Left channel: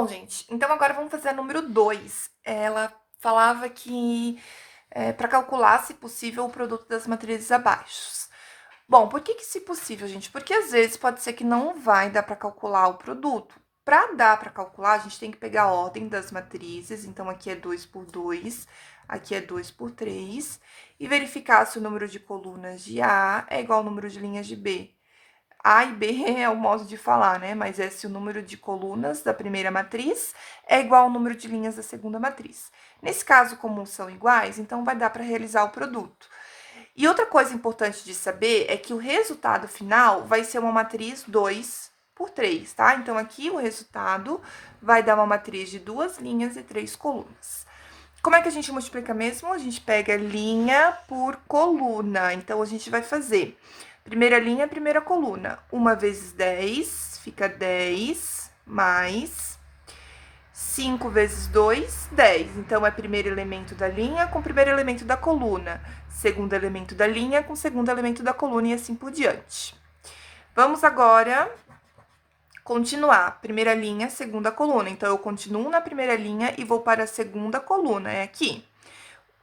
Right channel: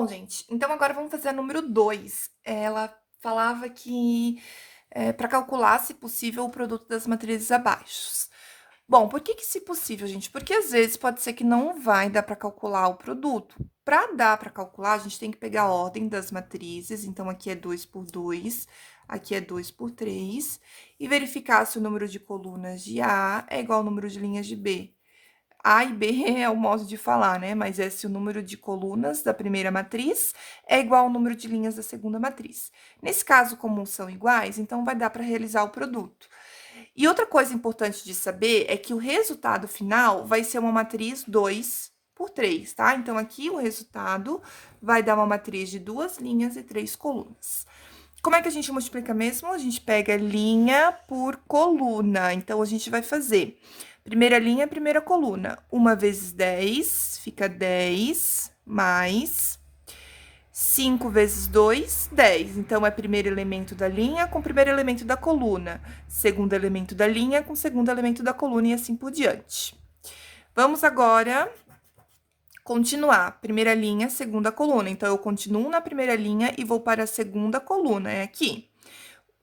Bom, gente, então agora vamos fazer a número 2. Ela falava que para calcular, se possível, o produto das matrizes abaixo. Bom, por que se possível, gente? Porque às vezes pode ser que não vai dar para calcular o produto. Para dar para calcular, a gente tem que pegar a ordem das matrizes. Então, aqui é 2 por 2, aqui é 2 por 3, e verificar se o número de colunas de A é igual ao número de linhas de B. A e B é o modo de falar, né? Mas é se o número de colunas da primeira matriz é igual ao número de linhas da segunda matriz. Nesse caso, como são iguais, então vai dar para realizar o produto. E outra coisa importante de saber é que o resultado final vai ser uma matriz 2 por 3, tá? Então, aqui o resultado vai dar uma matriz de 2 linhas e 3 colunas. Como é que a gente multiplica mesmo? A gente pega linha por coluna. Então, a gente vai fazer primeira linha, primeira coluna. 1 vezes 10, fica 10, mais 5 vezes 2, 10. Então, é primeiro elemento da linha com primeiro elemento da coluna. Segundo elemento da linha com segundo elemento da coluna e assim por diante. Vamos agora continuar. Primeira linha, segunda coluna. Então, eu continuo na primeira linha e vou para a segunda coluna. É aqui.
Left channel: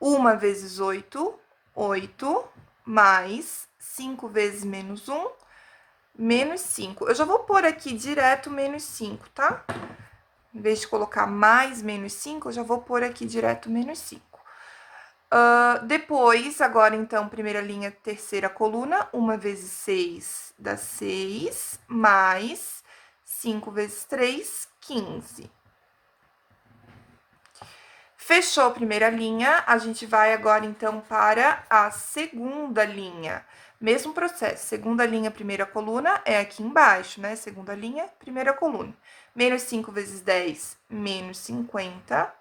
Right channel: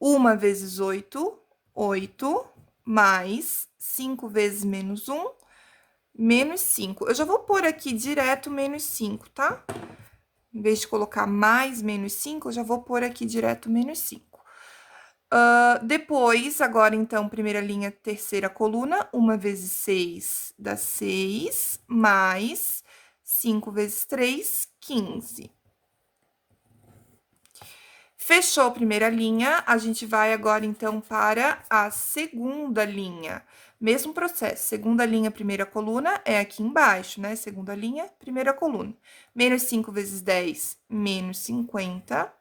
1 vezes 8, 8, mais 5 vezes menos 1, menos 5. Eu já vou pôr aqui direto menos 5, tá? Em vez de colocar mais menos 5, eu já vou pôr aqui direto menos 5. Depois, agora, então, primeira linha, terceira coluna, 1 vezes 6 dá 6, mais 5 vezes 3, 15. Fechou a primeira linha, a gente vai agora, então, para a segunda linha. Mesmo processo, segunda linha, primeira coluna, é aqui embaixo, né? Segunda linha, primeira coluna. Menos 5 vezes 10, menos 50.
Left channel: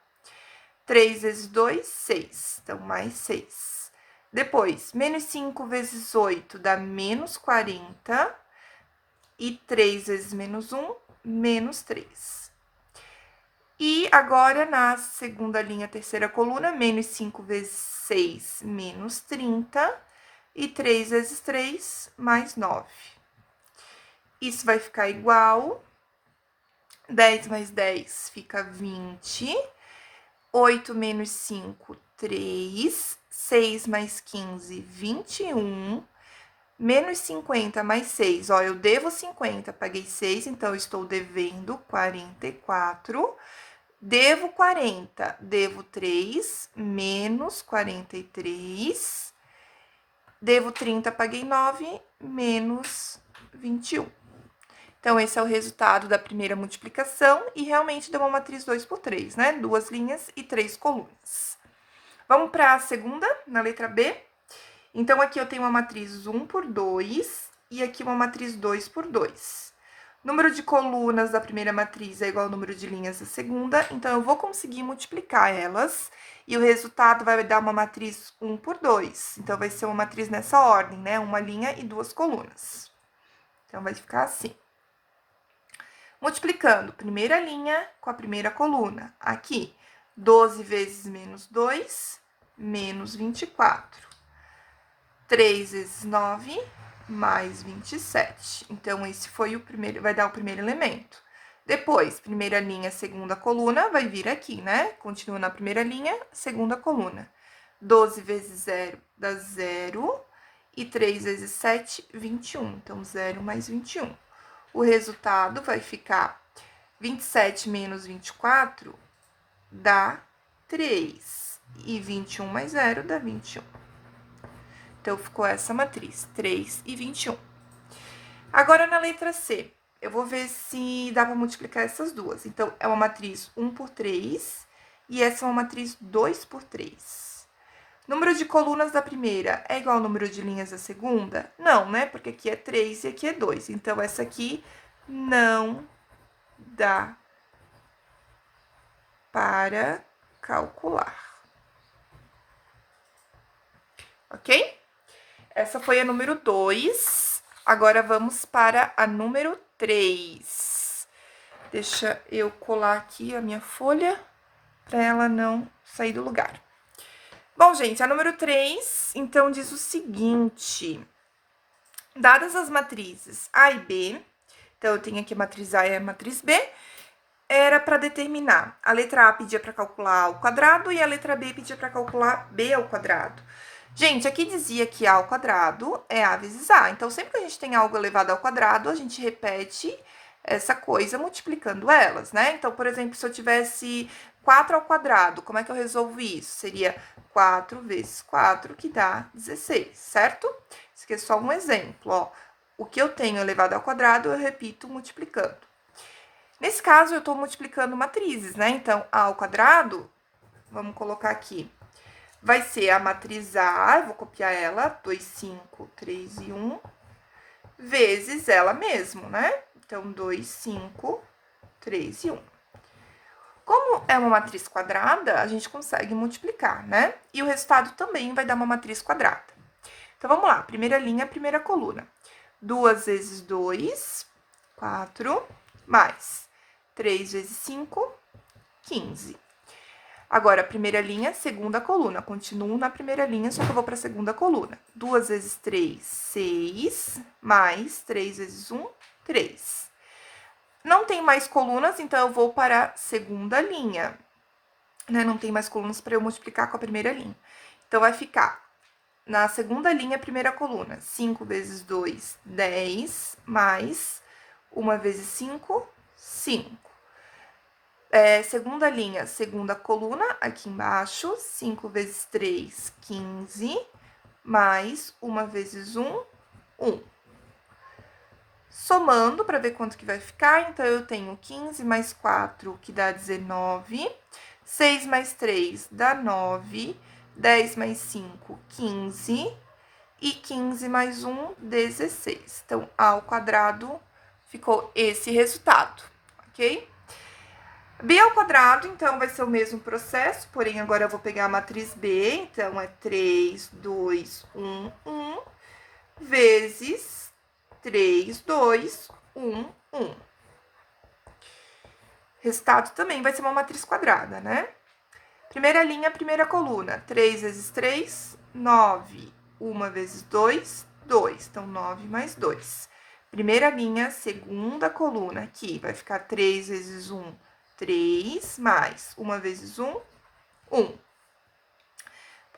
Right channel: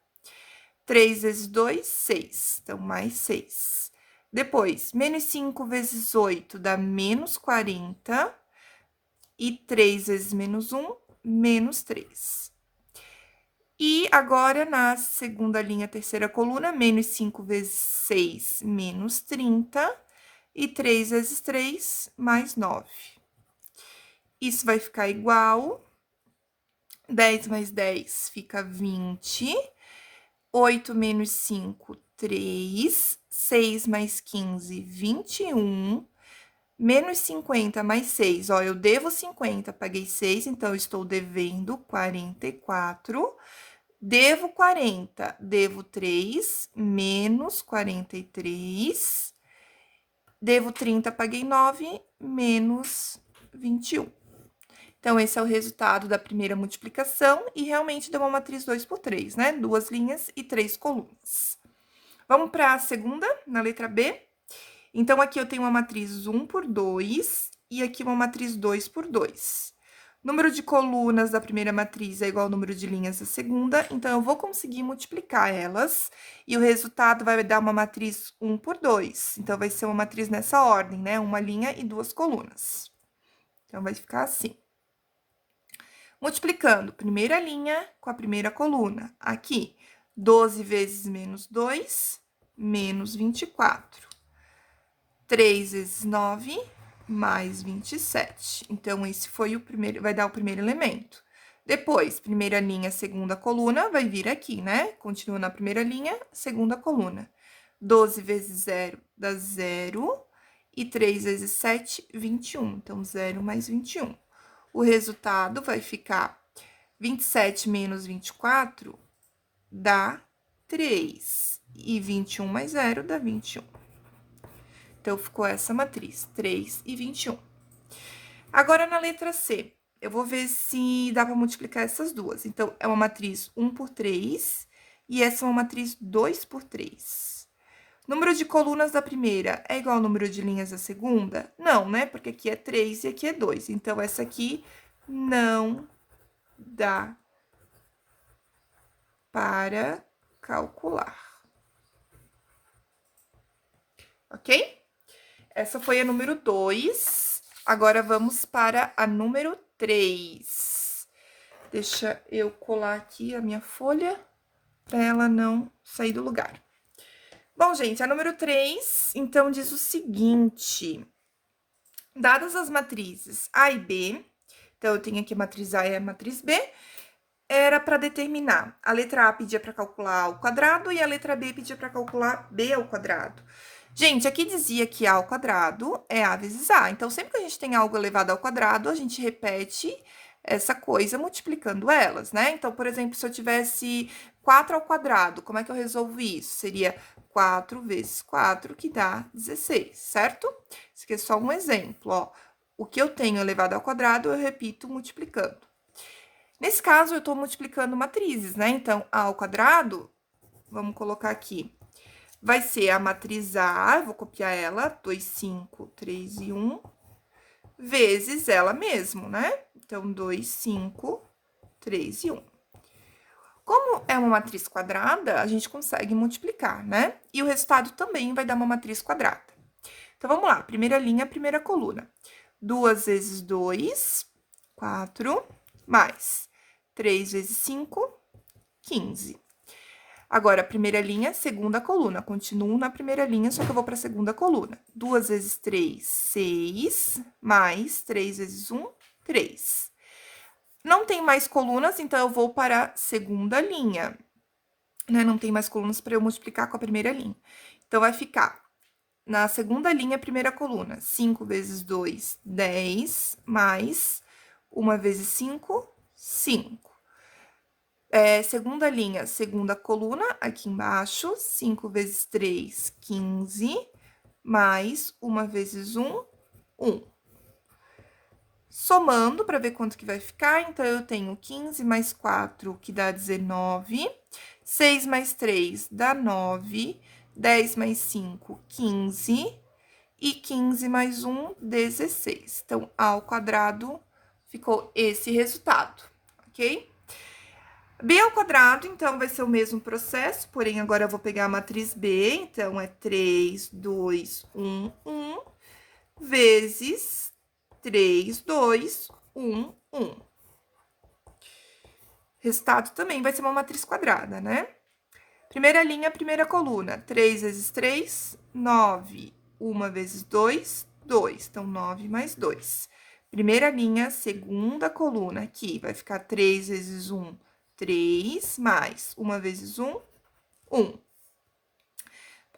3 vezes 2, 6. Então, mais 6. Depois, menos 5 vezes 8 dá menos 40. E 3 vezes menos 1, menos 3. E agora, na segunda linha, terceira coluna, menos 5 vezes 6, menos 30. E 3 vezes 3, mais 9. Isso vai ficar igual. 10 mais 10 fica 20. 8 menos 5, 3. 6 mais 15, 21. Menos 50 mais 6, ó, eu devo 50, paguei 6, então eu estou devendo 44. Devo 40, devo 3, menos 43. Devo 30, paguei 9, menos 21. Então, esse é o resultado da primeira multiplicação e realmente deu uma matriz 2 por 3, né? 2 linhas e 3 colunas. Vamos para a segunda, na letra B. Então, aqui eu tenho uma matriz 1 por 2 e aqui uma matriz 2 por 2. Número de colunas da primeira matriz é igual ao número de linhas da segunda, então eu vou conseguir multiplicar elas e o resultado vai dar uma matriz 1 por 2. Então, vai ser uma matriz nessa ordem, né? Uma linha e 2 colunas. Então, vai ficar assim. Multiplicando primeira linha com a primeira coluna. Aqui, 12 vezes menos 2, menos 24. 3 vezes 9, mais 27. Então, esse foi o primeiro, vai dar o primeiro elemento. Depois, primeira linha, segunda coluna, vai vir aqui, né? Continua na primeira linha, segunda coluna. 12 vezes 0 dá 0. E 3 vezes 7, 21. Então, 0 mais 21. O resultado vai ficar 27 menos 24 dá 3. E 21 mais 0 dá 21. Então, ficou essa matriz, 3 e 21. Agora, na letra C, eu vou ver se dá para multiplicar essas duas. Então, é uma matriz 1 por 3 e essa é uma matriz 2 por 3. Número de colunas da primeira é igual ao número de linhas da segunda? Não, né? Porque aqui é 3 e aqui é 2. Então, essa aqui não dá para calcular. Ok? Essa foi a número 2. Agora, vamos para a número 3. Deixa eu colar aqui a minha folha para ela não sair do lugar. Bom, gente, a número 3, então, diz o seguinte. Dadas as matrizes A e B, então, eu tenho aqui a matriz A e a matriz B, era para determinar. A letra A pedia para calcular A ao quadrado e a letra B pedia para calcular B ao quadrado. Gente, aqui dizia que A ao quadrado é A vezes A. Então, sempre que a gente tem algo elevado ao quadrado, a gente repete essa coisa multiplicando elas, né? Então, por exemplo, se eu tivesse 4 ao quadrado, como é que eu resolvo isso? Seria 4 vezes 4, que dá 16, certo? Isso aqui é só um exemplo, ó. O que eu tenho elevado ao quadrado, eu repito multiplicando. Nesse caso, eu estou multiplicando matrizes, né? Então, A ao quadrado, vamos colocar aqui, vai ser a matriz A, eu vou copiar ela, 2, 5, 3 e 1, vezes ela mesmo, né? Então, 2, 5, 3 e 1. Como é uma matriz quadrada, a gente consegue multiplicar, né? E o resultado também vai dar uma matriz quadrada. Então, vamos lá, primeira linha, primeira coluna. 2 vezes 2, 4, mais 3 vezes 5, 15. Agora, primeira linha, segunda coluna. Continuo na primeira linha, só que eu vou para a segunda coluna. 2 vezes 3, 6, mais 3 vezes 1, 3. Não tem mais colunas, então eu vou para a segunda linha, né? Não tem mais colunas para eu multiplicar com a primeira linha. Então, vai ficar na segunda linha, primeira coluna, 5 vezes 2, 10, mais 1 vezes 5, 5. Segunda linha, segunda coluna, aqui embaixo, 5 vezes 3, 15, mais 1 vezes 1, 1. Somando, para ver quanto que vai ficar, então, eu tenho 15 mais 4, que dá 19, 6 mais 3 dá 9, 10 mais 5, 15, e 15 mais 1, 16. Então, A ao quadrado ficou esse resultado, ok? B ao quadrado, então, vai ser o mesmo processo, porém, agora eu vou pegar a matriz B, então, é 3, 2, 1, 1, vezes 3, 2, 1, 1. Resultado também vai ser uma matriz quadrada, né? Primeira linha, primeira coluna, 3 vezes 3, 9, 1 vezes 2, 2. Então, 9 mais 2. Primeira linha, segunda coluna, aqui, vai ficar 3 vezes 1, 3, mais 1 vezes 1, 1.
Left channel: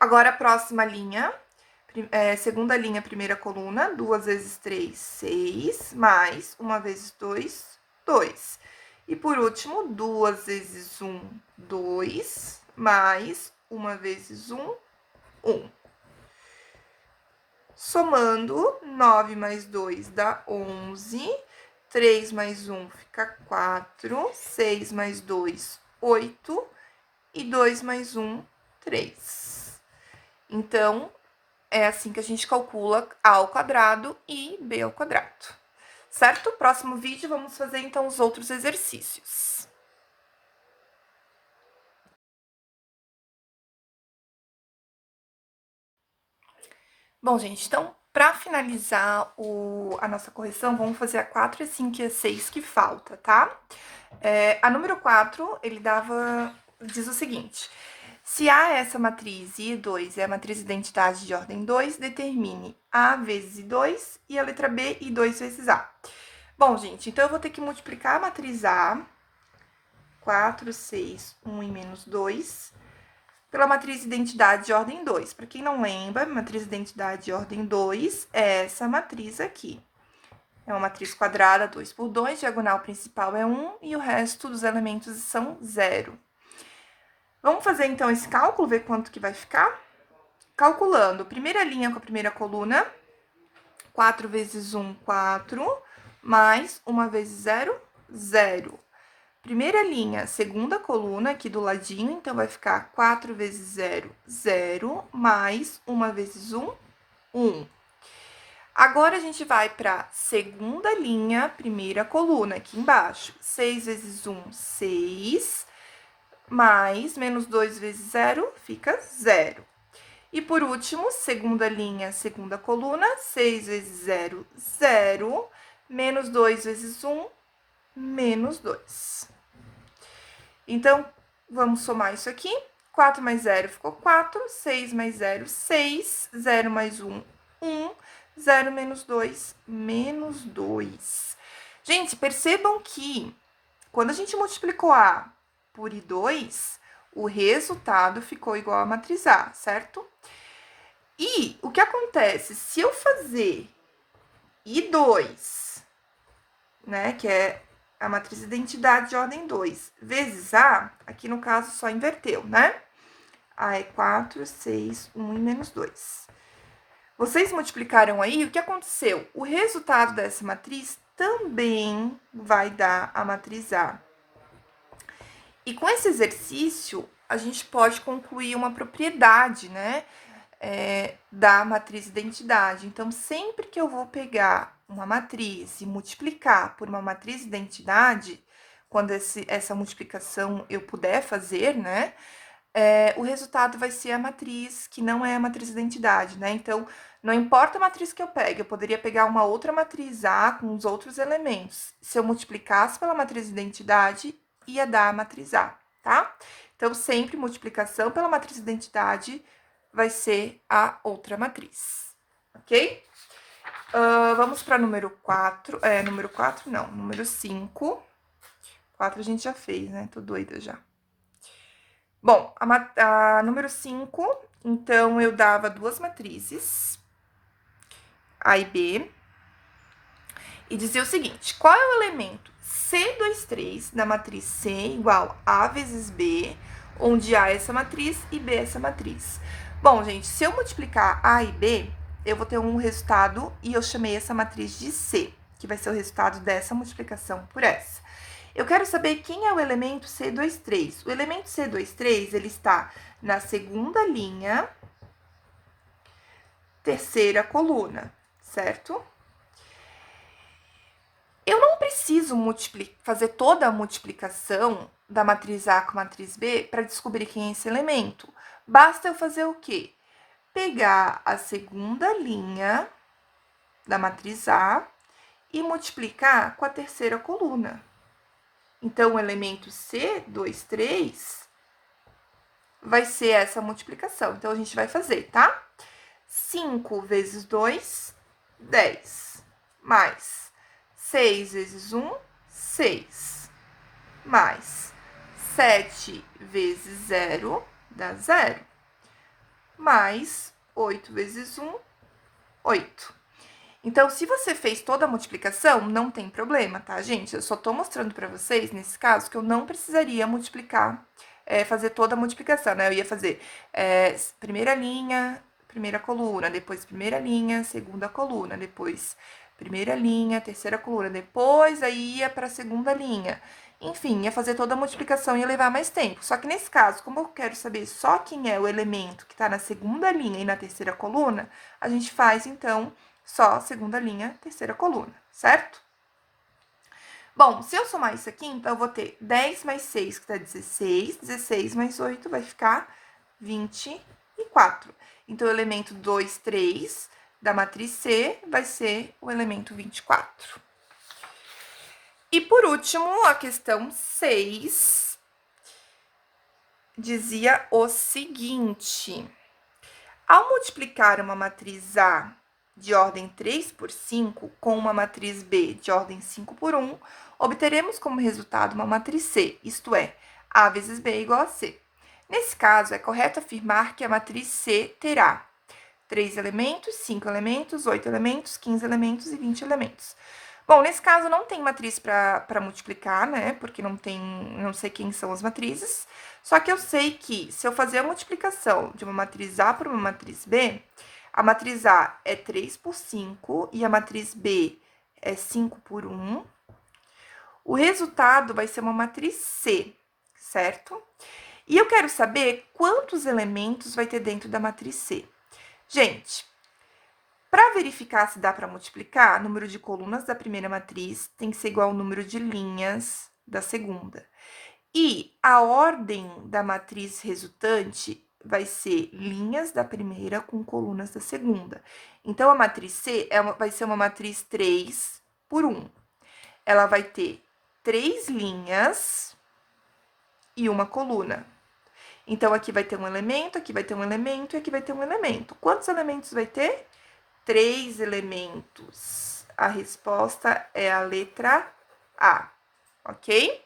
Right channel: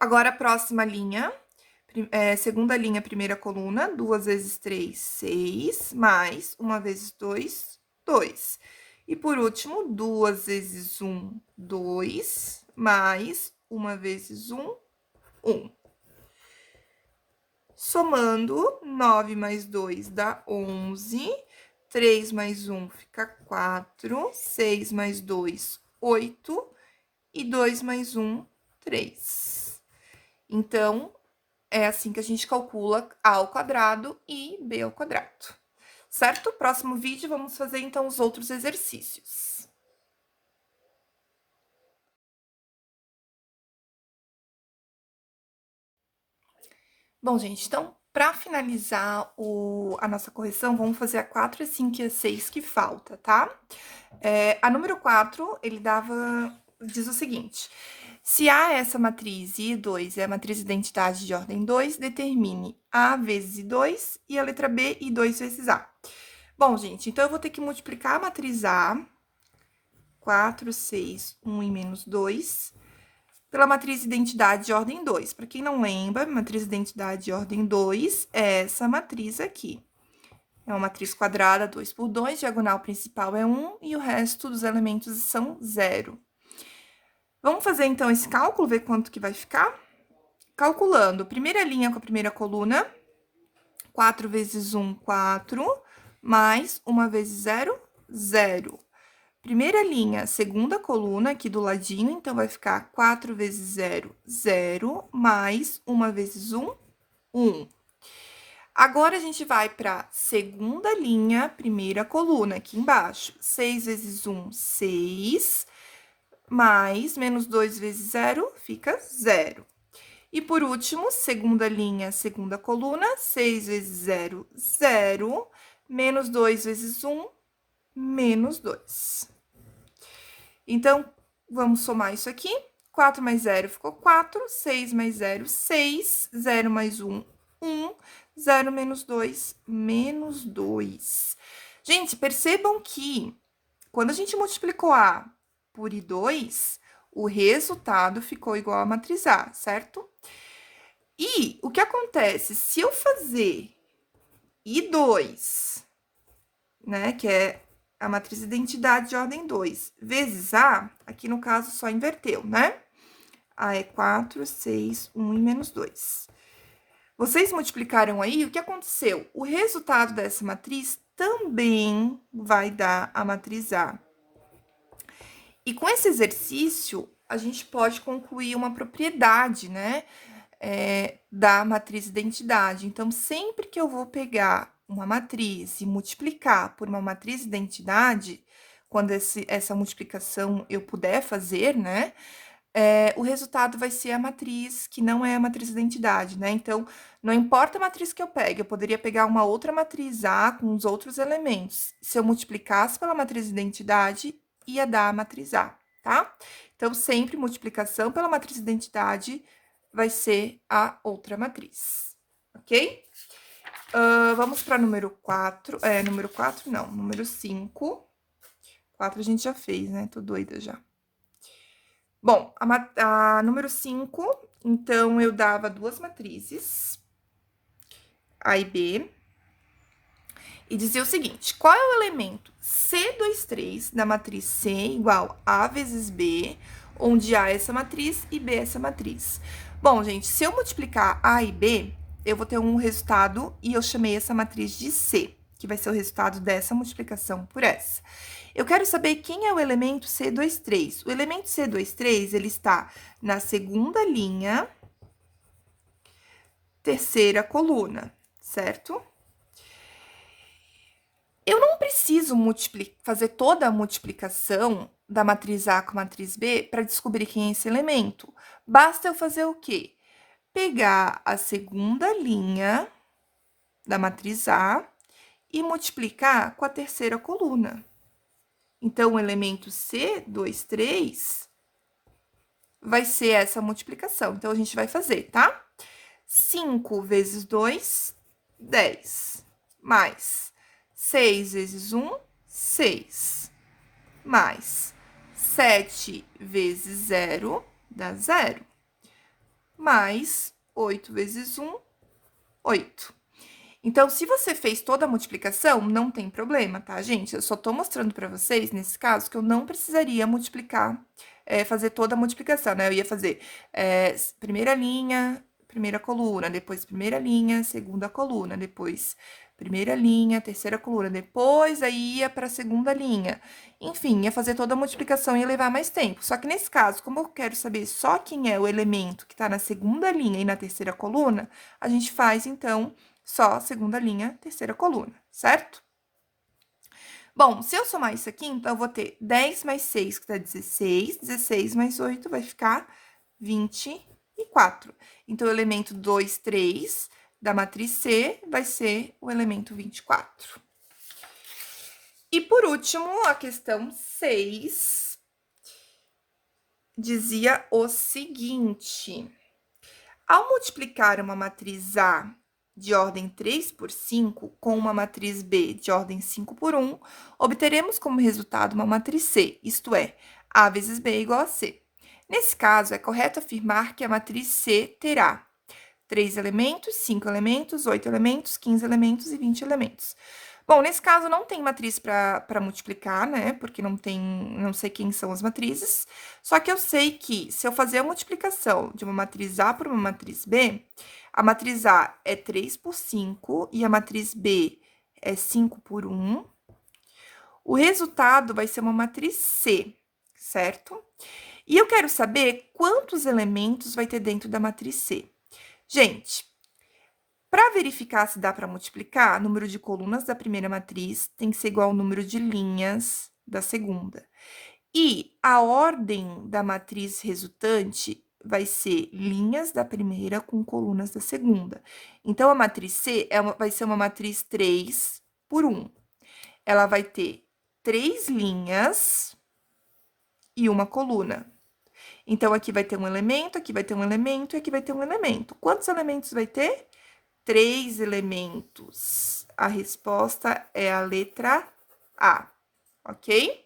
Agora, a próxima linha, segunda linha, primeira coluna, 2 vezes 3, 6, mais 1 vezes 2, 2. E por último, 2 vezes 1, 2, mais 1 vezes 1, 1. Somando, 9 mais 2 dá 11, 3 mais 1 fica 4, 6 mais 2, 8, e 2 mais 1, 3. Então, é assim que a gente calcula A ao quadrado e B ao quadrado. Certo? Próximo vídeo, vamos fazer, então, os outros exercícios. Bom, gente, então, para finalizar a nossa correção, vamos fazer a 4, a 5 e a 6 que falta, tá? A número 4, ele diz o seguinte: se A é essa matriz e I2 é a matriz identidade de ordem 2, determine A vezes I2 e a letra B I2 vezes A. Bom, gente, então eu vou ter que multiplicar a matriz A, 4, 6, 1 e menos 2, pela matriz identidade de ordem 2. Para quem não lembra, matriz identidade de ordem 2 é essa matriz aqui. É uma matriz quadrada, 2 por 2, diagonal principal é 1 e o resto dos elementos são 0. Vamos fazer, então, esse cálculo, ver quanto que vai ficar? Calculando, primeira linha com a primeira coluna, 4 vezes 1, 4, mais 1 vezes 0, 0. Primeira linha, segunda coluna, aqui do ladinho, então, vai ficar 4 vezes 0, 0, mais 1 vezes 1, 1. Agora, a gente vai para segunda linha, primeira coluna, aqui embaixo. 6 vezes 1, 6, mais menos 2 vezes 0, fica 0. E por último, segunda linha, segunda coluna, 6 vezes 0, 0, menos 2 vezes 1, menos 2. Então, vamos somar isso aqui. 4 mais 0 ficou 4, 6 mais 0, 6, 0 mais 1, 1, 0 menos 2, menos 2. Gente, percebam que quando a gente multiplicou A por I2, o resultado ficou igual a matriz A, certo? E o que acontece? Se eu fazer I2, né, que é a matriz identidade de ordem 2, vezes A, aqui no caso só inverteu, né? A é 4, 6, 1 e menos 2. Vocês multiplicaram aí, o que aconteceu? O resultado dessa matriz também vai dar a matriz A. E com esse exercício, a gente pode concluir uma propriedade, né, da matriz identidade. Então, sempre que eu vou pegar uma matriz e multiplicar por uma matriz identidade, quando essa multiplicação eu puder fazer, né, o resultado vai ser a matriz que não é a matriz identidade, né? Então, não importa a matriz que eu pegue, eu poderia pegar uma outra matriz A com os outros elementos. Se eu multiplicasse pela matriz identidade, ia dar a matriz A, tá? Então, sempre multiplicação pela matriz identidade vai ser a outra matriz, ok? Vamos para número 4. Número 4 não, número 5. 4 a gente já fez, né? Tô doida já. Bom, a número 5, então, eu dava duas matrizes, A e B, e dizia o seguinte: qual é o elemento C23 da matriz C igual A vezes B, onde A é essa matriz e B é essa matriz? Bom, gente, se eu multiplicar A e B, eu vou ter um resultado e eu chamei essa matriz de C, que vai ser o resultado dessa multiplicação por essa. Eu quero saber quem é o elemento C23. O elemento C23, ele está na segunda linha, terceira coluna, certo? Eu não preciso fazer toda a multiplicação da matriz A com a matriz B para descobrir quem é esse elemento. Basta eu fazer o quê? Pegar a segunda linha da matriz A e multiplicar com a terceira coluna. Então, o elemento C23 vai ser essa multiplicação. Então, a gente vai fazer, tá? 5 vezes 2, 10. Mais 6 vezes 1, 6. Mais 7 vezes 0, dá 0. Mais 8 vezes 1, 8. Então, se você fez toda a multiplicação, não tem problema, tá, gente? Eu só tô mostrando pra vocês, nesse caso, que eu não precisaria multiplicar, fazer toda a multiplicação, né? Eu ia fazer primeira linha, primeira coluna, depois primeira linha, segunda coluna, depois primeira linha, terceira coluna, depois aí ia pra segunda linha. Enfim, ia fazer toda a multiplicação e ia levar mais tempo. Só que nesse caso, como eu quero saber só quem é o elemento que tá na segunda linha e na terceira coluna, a gente faz, então, só segunda linha, terceira coluna, certo? Bom, se eu somar isso aqui, então, eu vou ter 10 mais 6, que dá 16. 16 mais 8 vai ficar 24. Então, o elemento 2, 3 da matriz C vai ser o elemento 24. E, por último, a questão 6 dizia o seguinte: ao multiplicar uma matriz A de ordem 3 por 5 com uma matriz B de ordem 5 por 1, obteremos como resultado uma matriz C, isto é, A vezes B igual a C. Nesse caso, é correto afirmar que a matriz C terá 3 elementos, 5 elementos, 8 elementos, 15 elementos e 20 elementos. Bom, nesse caso não tem matriz para multiplicar, né? Porque não sei quem são as matrizes. Só que eu sei que se eu fazer a multiplicação de uma matriz A por uma matriz B, a matriz A é 3 por 5 e a matriz B é 5 por 1. O resultado vai ser uma matriz C, certo? E eu quero saber quantos elementos vai ter dentro da matriz C. Gente, para verificar se dá para multiplicar, o número de colunas da primeira matriz tem que ser igual ao número de linhas da segunda. E a ordem da matriz resultante vai ser linhas da primeira com colunas da segunda. Então, a matriz C vai ser uma matriz 3 por 1. Ela vai ter 3 linhas e uma coluna. Então, aqui vai ter um elemento, aqui vai ter um elemento e aqui vai ter um elemento. Quantos elementos vai ter? 3 elementos. A resposta é a letra A, ok?